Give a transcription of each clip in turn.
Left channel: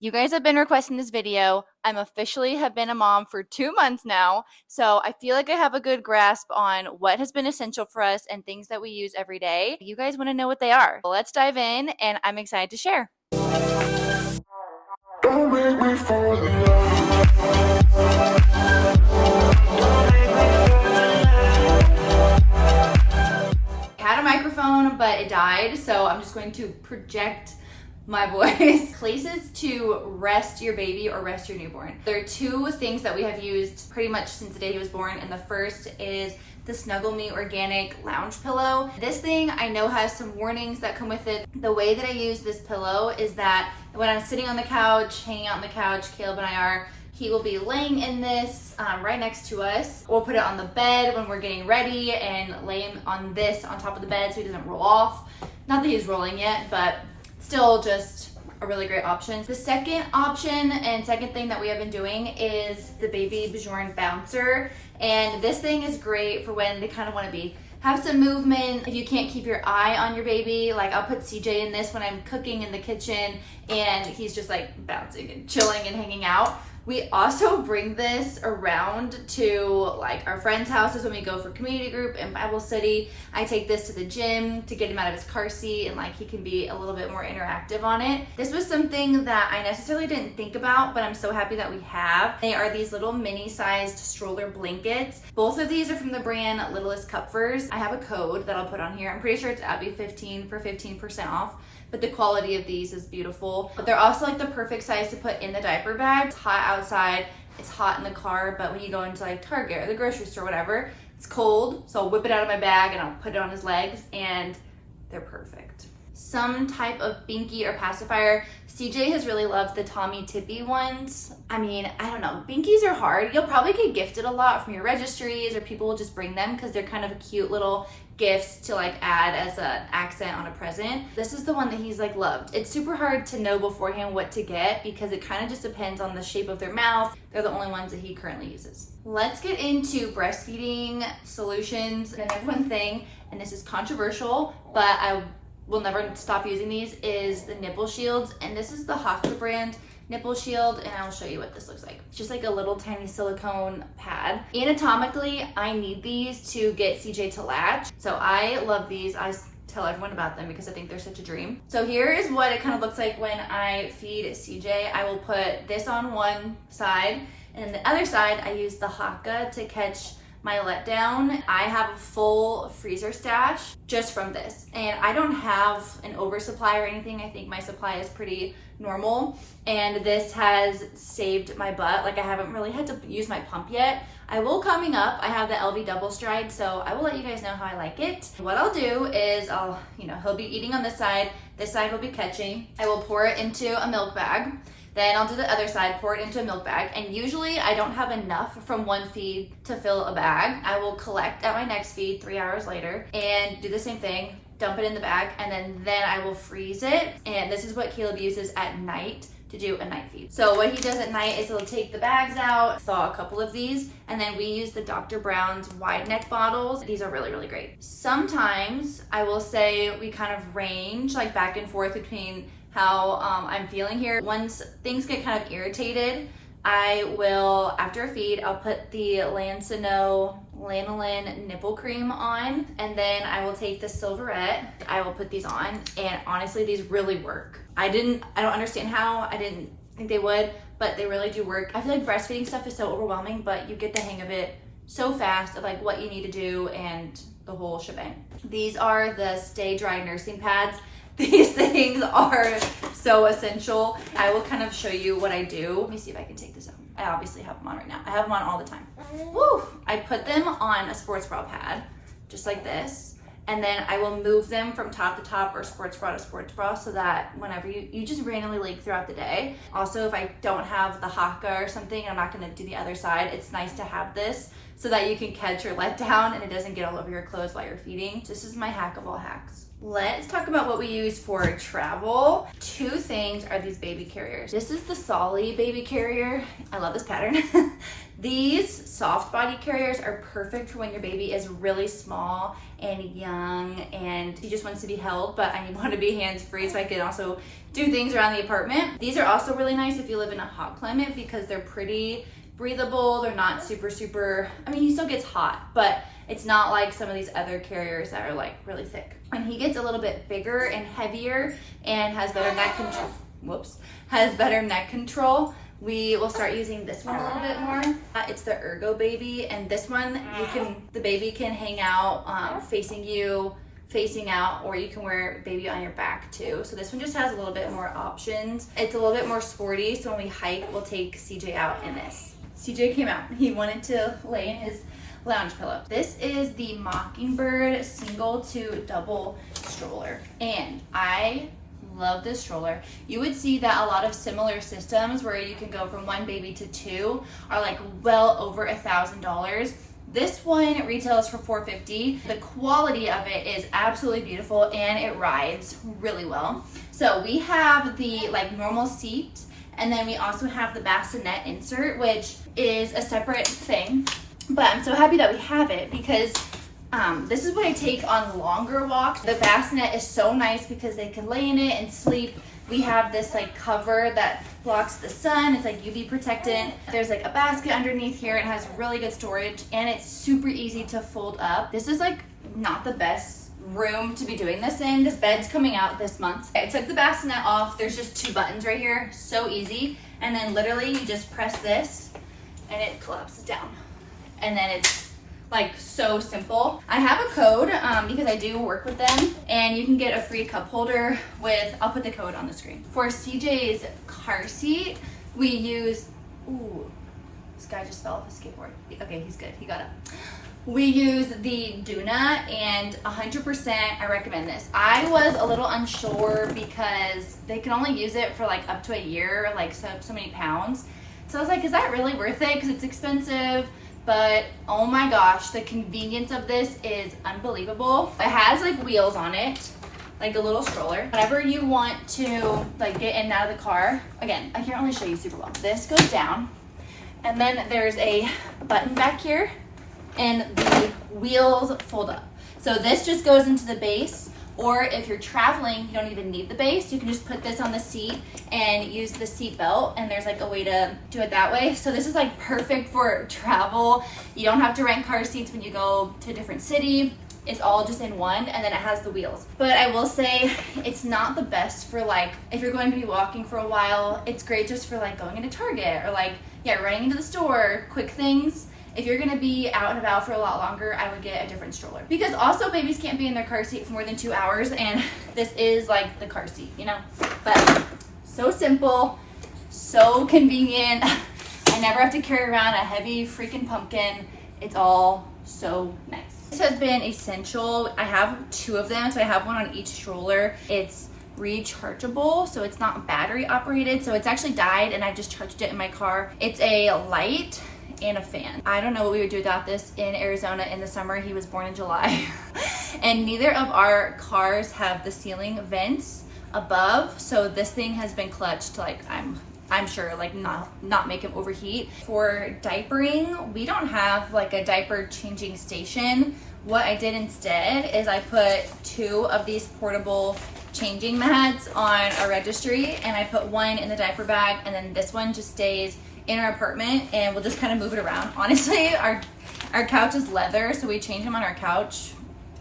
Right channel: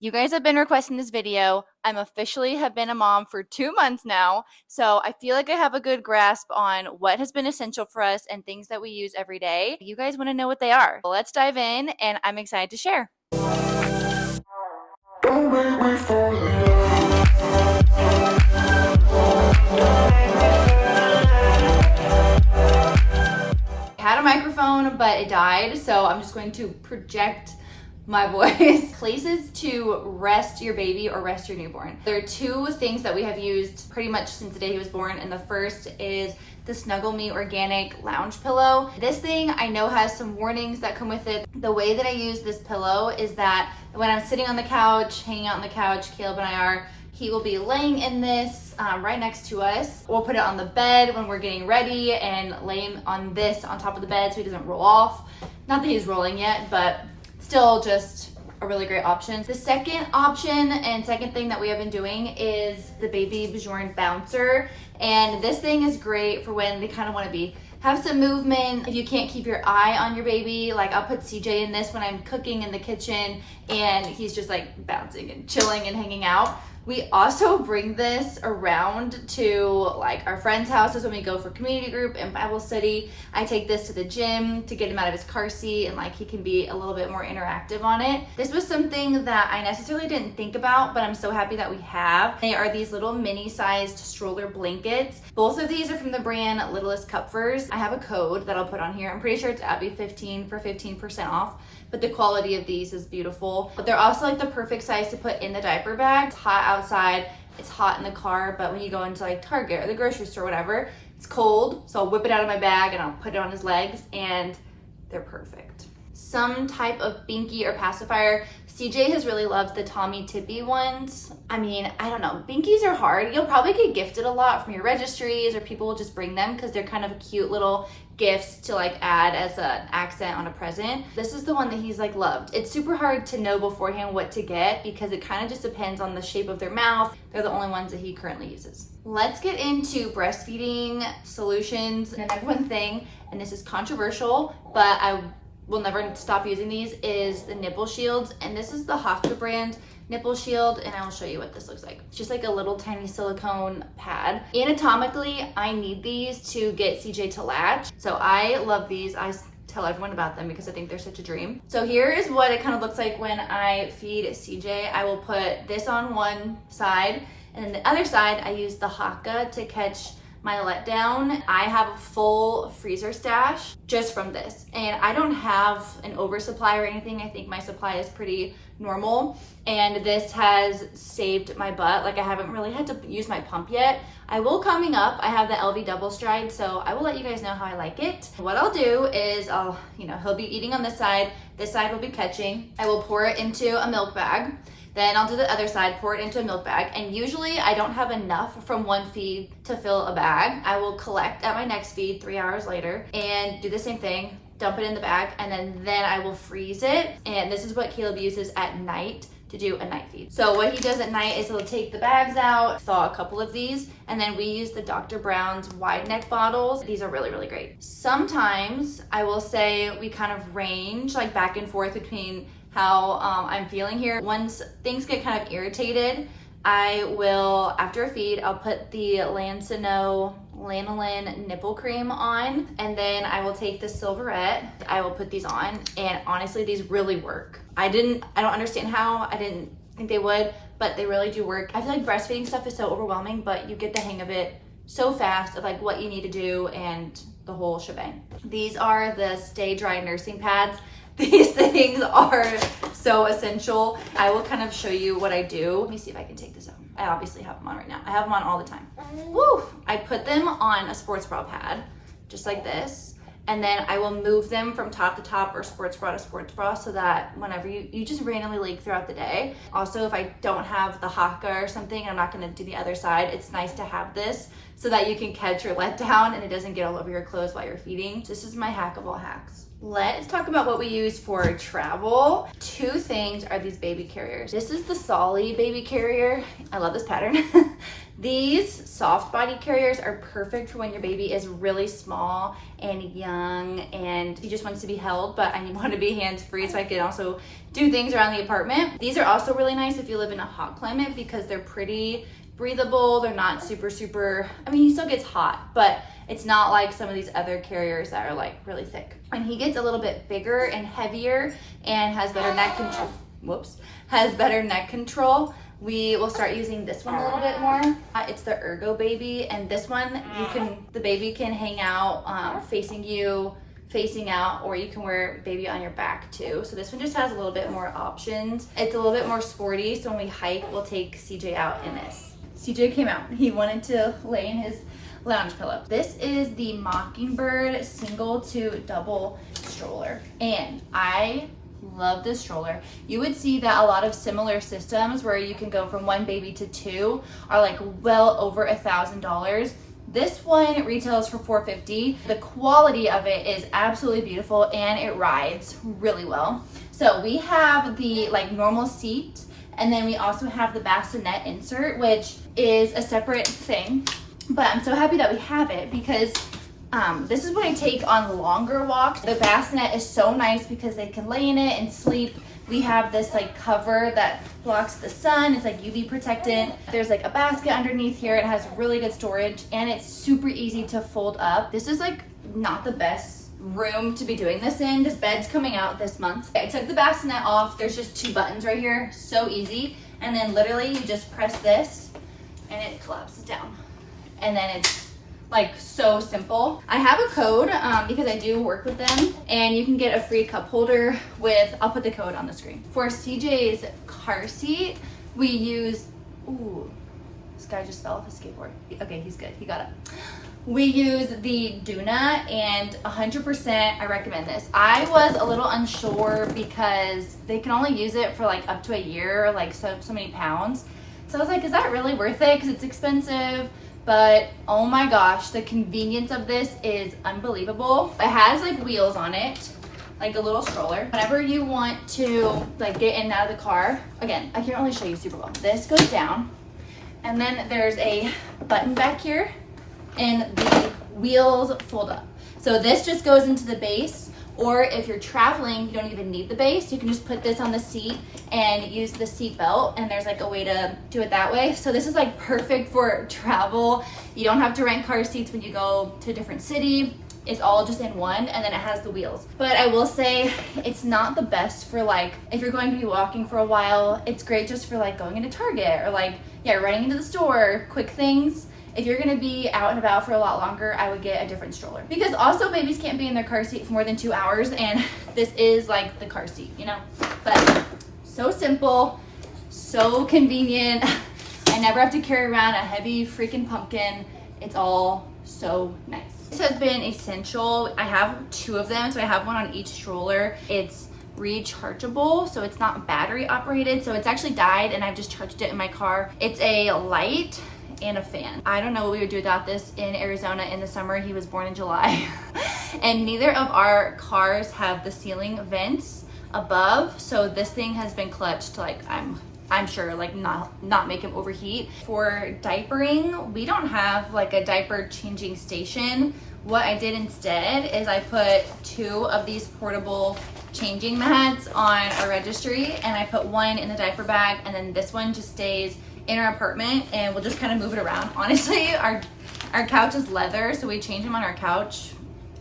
You guys have been requesting this video. I'm officially have been a mom for 2 months now, so I feel like I have a good grasp on what has been essential for us and things that we use every day. You guys want to know what they are. Let's dive in, and I'm excited to share. Don't make me fall in love. I had a microphone, but it died, so I'm just going to project my voice. Places to rest your baby or rest your newborn. There are two things that we have used pretty much since the day he was born, and the first is the Snuggle Me Organic Lounge Pillow. This thing I know has some warnings that come with it. The way that I use this pillow is that when I'm sitting on the couch, hanging out on the couch, Caleb and I are, he will be laying in this right next to us. We'll put it on the bed when we're getting ready and lay him on this on top of the bed so he doesn't roll off. Not that he's rolling yet, but still just a really great option. The second option and second thing that we have been doing is the Baby Bjorn Bouncer. And this thing is great for when they kind of want to have some movement. If you can't keep your eye on your baby, like I'll put CJ in this when I'm cooking in the kitchen and he's just like bouncing and chilling and hanging out. We also bring this around to like our friends' houses when we go for community group and Bible study. I take this to the gym to get him out of his car seat and like he can be a little bit more interactive on it. This was something that I necessarily didn't think about, but I'm so happy that we have. They are these little mini-sized stroller blankets. Both of these are from the brand Littlest Cupfurs. I have a code that I'll put on here. I'm pretty sure it's Abby15 for 15% off. But the quality of these is beautiful. But they're also like the perfect size to put in the diaper bag. It's hot outside, it's hot in the car, but when you go into like Target or the grocery store, whatever, it's cold. So I'll whip it out of my bag and I'll put it on his legs and they're perfect. Some type of binky or pacifier. CJ has really loved the Tommy Tippy ones. I mean, I don't know, binkies are hard. You'll probably get gifted a lot from your registries or people will just bring them because they're kind of cute little gifts to like add as an accent on a present. This is the one that he's like loved. It's super hard to know beforehand what to get because it kind of just depends on the shape of their mouth. They're the only ones that he currently uses. Let's get into breastfeeding solutions. The number one thing, and this is controversial, but I will never stop using these, is the nipple shields. And this is the Haka brand nipple shield, and I will show you what this looks like. It's just like a little tiny silicone pad. Anatomically, I need these to get CJ to latch. So I love these. I tell everyone about them because I think they're such a dream. So here is what it kind of looks like when I feed CJ. I will put this on one side, and then the other side, I use the Haka to catch my letdown. I have a full freezer stash just from this, and I don't have an oversupply or anything. I think my supply is pretty normal, and this has saved my butt. Like I haven't really had to use my pump yet. I will coming up. I have the LV double stride, so I will let you guys know how I like it. What I'll do is he'll be eating on this side will be catching. I will pour it into a milk bag. Then I'll do the other side, pour it into a milk bag. And usually I don't have enough from one feed to fill a bag. I will collect at my next feed 3 hours later and do the same thing, dump it in the bag, and then I will freeze it. And this is what Caleb uses at night to do a night feed. So what he does at night is he'll take the bags out, thaw a couple of these, and then we use the Dr. Brown's wide neck bottles. These are really, really great. Sometimes I will say we kind of range like back and forth between how I'm feeling here. Once things get kind of irritated, I will, after a feed, I'll put the Lanolin nipple cream on, and then I will take the Silverette. I will put these on, and honestly, these really work. I don't understand how. I didn't think they would, but they really do work. I feel like breastfeeding stuff is so overwhelming, but you get the hang of it so fast of like what you need to do and the whole shebang. These are the Stay Dry nursing pads. These things are so essential. I will kind of show you what I do. Let me see if I can take this out. I obviously have them on right now. I have them on all the time. Woo! I put them on a sports bra pad, just like this. And then I will move them from top to top or sports bra to sports bra so that whenever you just randomly leak throughout the day. Also, if I don't have the Haka or something, I'm not gonna do the other side, it's nice to have this so that you can catch your letdown and it doesn't get all over your clothes while you're feeding. This is my hack of all hacks. Let's talk about what we use for travel. Two things are these baby carriers. This is the Solly baby carrier. I love this pattern. These soft body carriers are perfect for when your baby is really small and young and he just wants to be held, but I want to be hands-free so I can also do things around the apartment. These are also really nice if you live in a hot climate because they're pretty breathable. They're not super, I mean, he still gets hot, but it's not like some of these other carriers that are like really thick. When he gets a little bit bigger and heavier and has better neck control, we will start using this one a little bit more. It's the Ergo Baby, and this one the baby can hang out facing you, facing out, or you can wear baby on your back too. So this one just has a little bit more options. It's a little bit more sporty, so when we hike, we'll take CJ out in this. CJ came out. He wanted to lay in his lounge pillow. This is the Mockingbird single to double stroller, and I love this stroller. You would see that a lot of similar systems where you can go from one baby to two are like well over $1,000. This one retails for $450. The quality of it is absolutely beautiful and it rides really well. So we have the like normal seat, and then we also have the bassinet insert, which is a separate thing. But I'm so happy that we have it because this is what I take on longer walks. The bassinet is so nice because they can lay in it and sleep. We have this like cover that blocks the sun. It's like UV protectant. There's like a basket underneath here. It has really good storage and it's super easy to fold up. This is like not the best room to be doing this in. This bed's coming out this month. I took the bassinet off. There's just 2 buttons right here. So easy. And then literally you just press this and it collapses down. And then it's like so simple. I have a code because I do work with them, and you can get a free cup holder with, I'll put the code on the screen. For CJ's car seat, we use, ooh, this guy just fell off his skateboard. Okay, he's good, he got up. We use the Duna, and 100% I recommend this. I was a little unsure because they can only use it for like up to a year, like so many pounds. So I was like, is that really worth it? Because it's expensive. But oh my gosh, the convenience of this is unbelievable. It has like wheels on it, like a little stroller. Whenever you want to like get in and out of the car, again, I can't really show you super well. This goes down, and then there's a button back here, and the wheels fold up. So this just goes into the base, or if you're traveling, you don't even need the base. You can just put this on the seat and use the seat belt, and there's like a way to do it that way. So this is like perfect for travel. You don't have to rent car seats when you go to a different city. It's all just in one, and then it has the wheels. But I will say it's not the best for like, if you're going to be walking for a while. It's great just for like going into Target or like, yeah, running into the store, quick things. If you're gonna be out and about for a lot longer, I would get a different stroller. Because also babies can't be in their car seat for more than 2 hours, and this is like the car seat, you know? But so simple, so convenient. I never have to carry around a heavy freaking pumpkin. It's all so nice. This has been essential. I have 2 of them, so I have one on each stroller. It's rechargeable, so it's not battery operated, so it's actually died and I've just charged it in my car. It's a light and a fan. I don't know what we would do without this in Arizona in the summer. He was born in July. And neither of our cars have the ceiling vents above, so this thing has been clutched, like I'm sure, like not make him overheat. For diapering, we don't have like a diaper changing station. What I did instead is I put 2 of these portable changing mats on our registry, and I put one in the diaper bag, and then this one just stays in our apartment, and we'll just kind of move it around. Honestly, our couch is leather, so we change them on our couch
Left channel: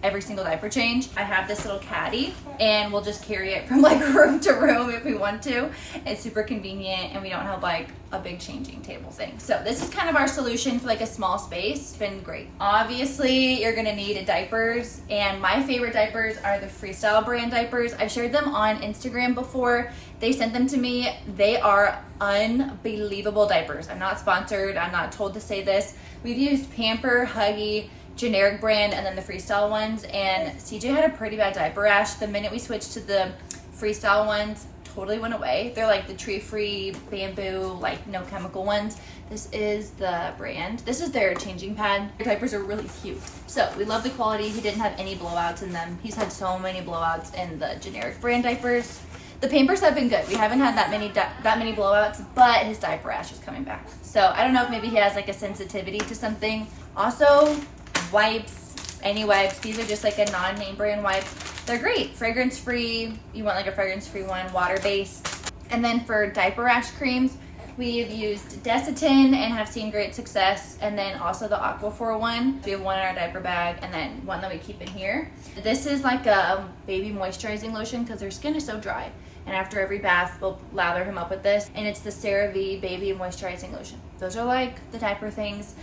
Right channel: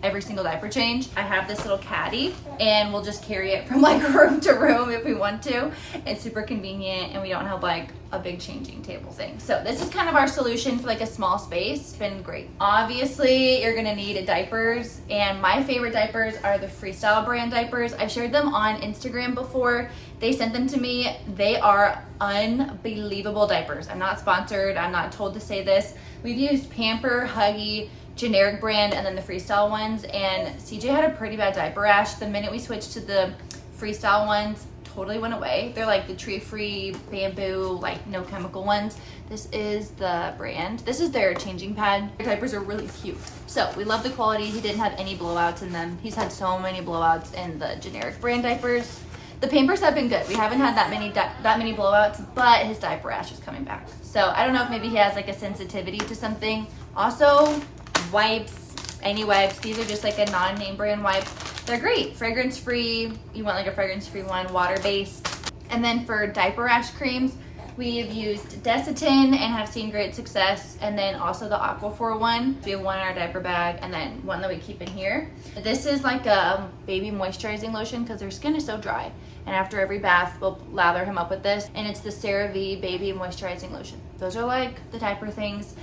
every single diaper change. I have this little caddy, and we'll just carry it from like room to room if we want to. It's super convenient, and we don't have like a big changing table thing. So this is kind of our solution for like a small space. It's been great. Obviously, you're gonna need diapers, and my favorite diapers are the Freestyle brand diapers. I've shared them on Instagram before. They sent them to me. They are unbelievable diapers. I'm not sponsored. I'm not told to say this. We've used Pamper, Huggy, generic brand, and then the Freestyle ones, and CJ had a pretty bad diaper rash. The minute we switched to the Freestyle ones, totally went away. They're like the tree-free bamboo, like no chemical ones. This is the brand. This is their changing pad. Their diapers are really cute. So we love the quality. He didn't have any blowouts in them. He's had so many blowouts in the generic brand diapers. The Pampers have been good. We haven't had that many blowouts, but his diaper rash is coming back. So I don't know if maybe he has like a sensitivity to something. Also, wipes, any wipes. These are just like a non-name brand wipe. They're great, fragrance free. You want like a fragrance free one, water based. And then for diaper rash creams, we've used Desitin and have seen great success. And then also the Aquaphor one. We have one in our diaper bag and then one that we keep in here. This is like a baby moisturizing lotion because their skin is so dry. And after every bath, we'll lather him up with this. And it's the CeraVe Baby Moisturizing Lotion. Those are like the diaper things.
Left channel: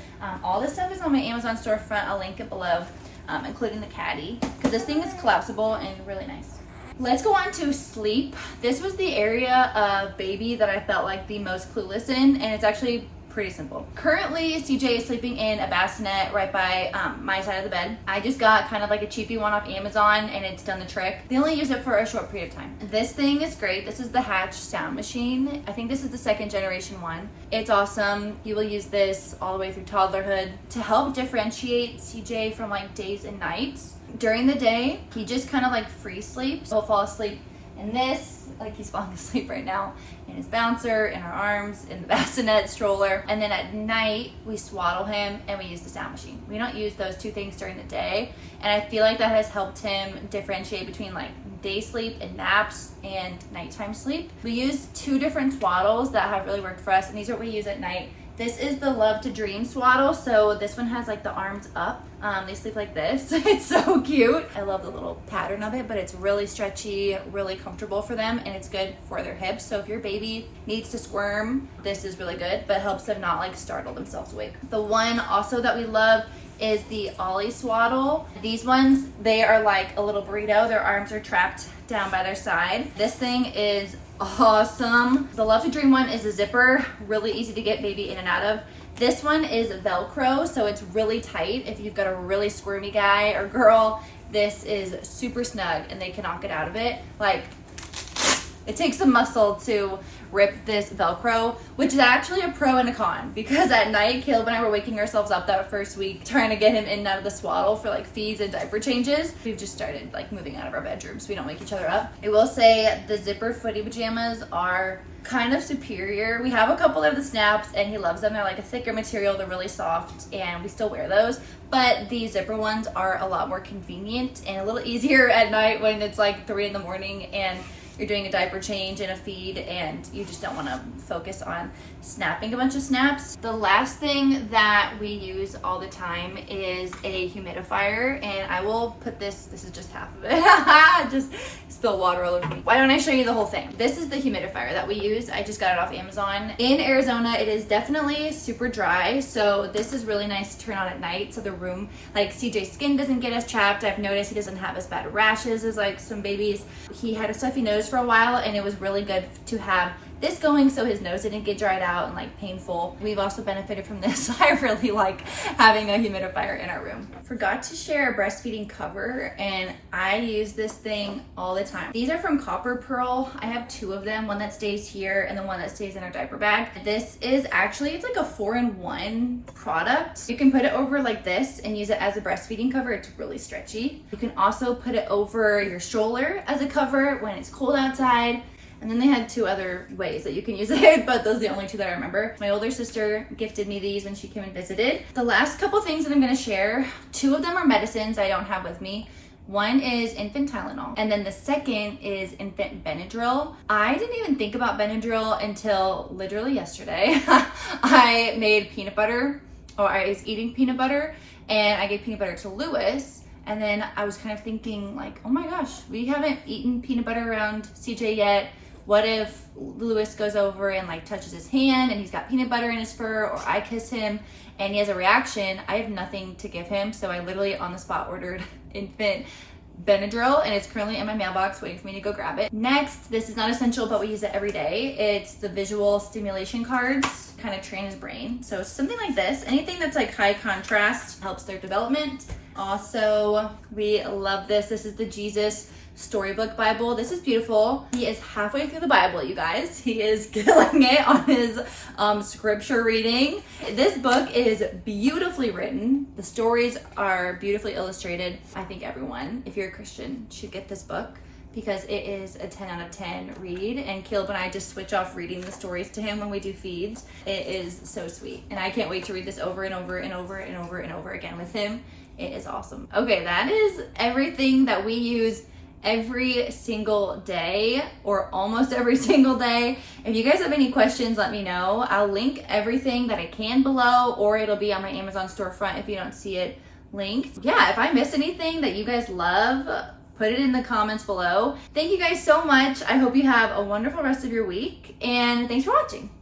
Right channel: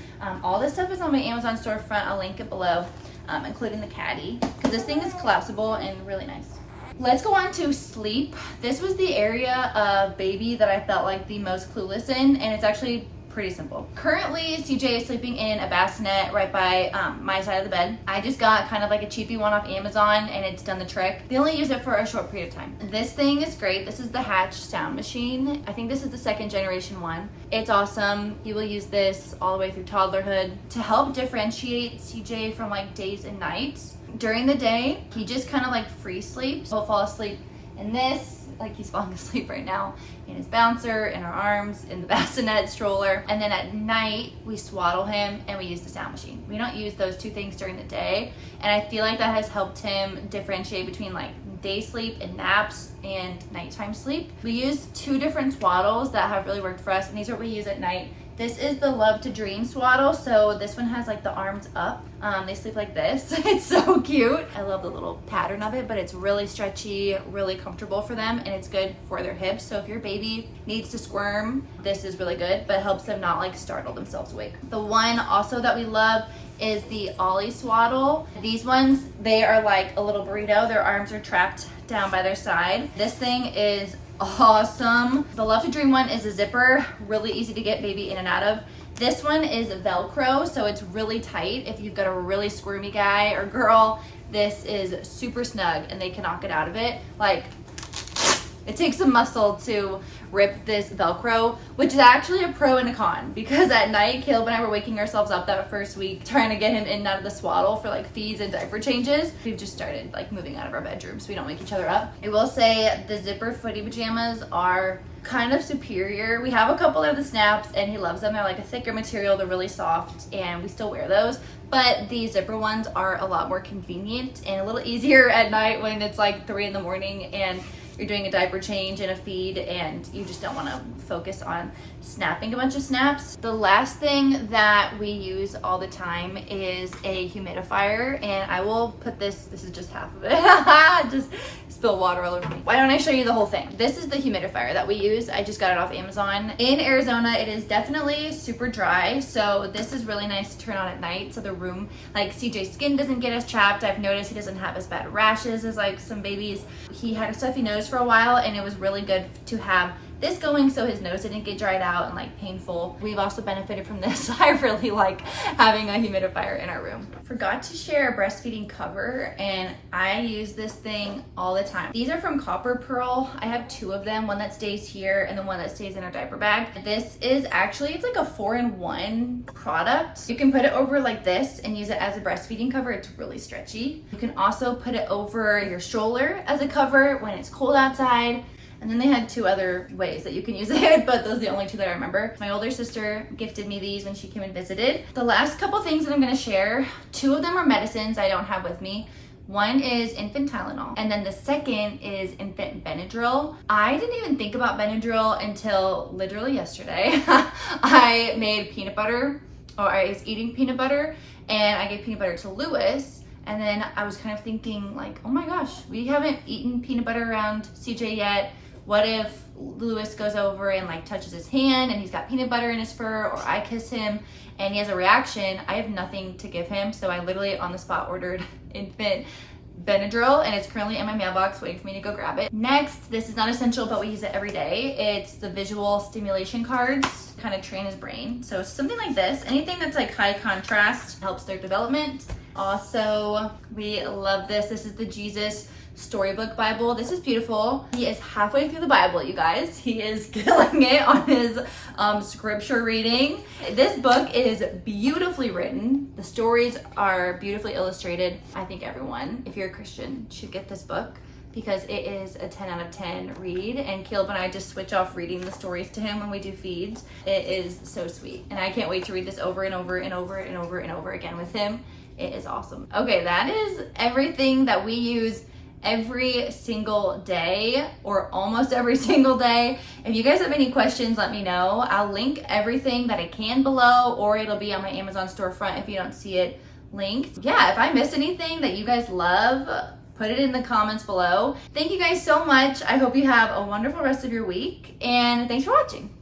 All this stuff is on my Amazon storefront. I'll link it below, including the caddy. Because this thing is collapsible and really nice. Let's go on to sleep. This was the area of baby that I felt like the most clueless in. And it's actually pretty simple. Currently, CJ is sleeping in a bassinet right by my side of the bed. I just got kind of like a cheapy one off Amazon and it's done the trick. They only use it for a short period of time. This thing is great. This is the Hatch sound machine. I think this is the 2nd generation one. It's awesome. You will use this all the way through toddlerhood to help differentiate CJ from like days and nights. During the day, he just kind of like free sleeps. He'll fall asleep in this, like he's falling asleep right now, in his bouncer, in our arms, in the bassinet stroller. And then at night, we swaddle him and we use the sound machine. We don't use those two things during the day. And I feel like that has helped him differentiate between like day sleep and naps and nighttime sleep. We use 2 different swaddles that have really worked for us, and these are what we use at night. This is the Love to Dream swaddle. So this one has like the arms up. They sleep like this. It's so cute. I love the little pattern of it, but it's really stretchy, really comfortable for them, and it's good for their hips. So if your baby needs to squirm, this is really good, but helps them not like startle themselves awake. The one also that we love is the Ollie swaddle. These ones, they are like a little burrito. Their arms are trapped down by their side. This thing is awesome. The Love to Dream one is a zipper, really easy to get baby in and out of. This one is Velcro, so it's really tight. If you've got a really squirmy guy or girl, this is super snug and they cannot get out of it. Like, it takes some muscle to rip this Velcro, which is actually a pro and a con, because at night, Caleb and I were waking ourselves up that first week trying to get him in and out of the swaddle for like feeds and diaper changes. We've just started like moving out of our bedroom so we don't wake each other up. I will say the zipper footy pajamas are kind of superior. We have a couple of the snaps and he loves them. They're like a thicker material, they're really soft, and we still wear those. But the zipper ones are a lot more convenient and a little easier at night when it's like 3 in the morning and you're doing a diaper change and a feed and you just don't want to focus on snapping a bunch of snaps. The last thing that we use all the time is a humidifier, and I will put this is just half of it. Just spill water all over me. Why don't I show you the whole thing? This is the humidifier that we use. I just got it off Amazon. In Arizona, it is definitely super dry, so this is really nice to turn on at night so the room, like CJ's skin doesn't get as chapped. I've noticed he doesn't have as bad rashes as like some babies. He had a stuffy nose for a while and it was really good to have this going so his nose didn't get dried out and like painful. We've also benefited from this. I really like having a humidifier in our room. Forgot to share a breastfeeding cover, and I use this thing all the time. These are from Copper Pearl. I have 2 of them, one that stays here and the one that stays in our diaper bag. This is actually, it's like a 4-in-1 product. You can put it over like this and use it as a breastfeeding cover. It's really stretchy. You can also put it over your stroller as a cover when it's cold outside. And then they had 2 other ways that you can use it, but those are the only 2 that I remember. My older sister gifted me these when she came and visited. The last couple things that I'm gonna share, 2 of them are medicines I don't have with me. One is infant Tylenol, and then the second is infant Benadryl. I didn't even think about Benadryl until literally yesterday. I made peanut butter, or I was eating peanut butter, and I gave peanut butter to Lewis. And then I was kind of thinking like, oh my gosh, we haven't eaten peanut butter around CJ yet. What if Lewis goes over and like touches his hand and he's got peanut butter in his fur, or I kiss him and he has a reaction? I have nothing to give him. So I literally on the spot ordered infant Benadryl, and it's currently in my mailbox waiting for me to go grab it. Next, this is not essential, but we use it every day. It's the visual stimulation cards, kind of train his brain. So something like this, anything that's like high contrast helps their development. Also, we love this. This is the Jesus Storybook Bible. This is beautiful. He is halfway through the Bible, you guys. He is killing it on his scripture reading. This book is beautifully written. The stories are beautifully illustrated. I think everyone, if you're a Christian, should get this book. because it is a 10 out of 10 read, and Caleb and I just switch off reading the stories to him when we do feeds. It is so sweet, and I can't wait to read this over and over and over and over and over again with him. It is awesome. Okay, that is everything that we use every single day, or almost every single day. If you guys have any questions, let me know. I'll link everything that I can below, or it'll be on my Amazon storefront if you don't see it linked. Yeah, if I missed anything that you guys love, put it in the comments below. Thank you guys so much. I hope you have a wonderful rest of your week, and thanks for watching.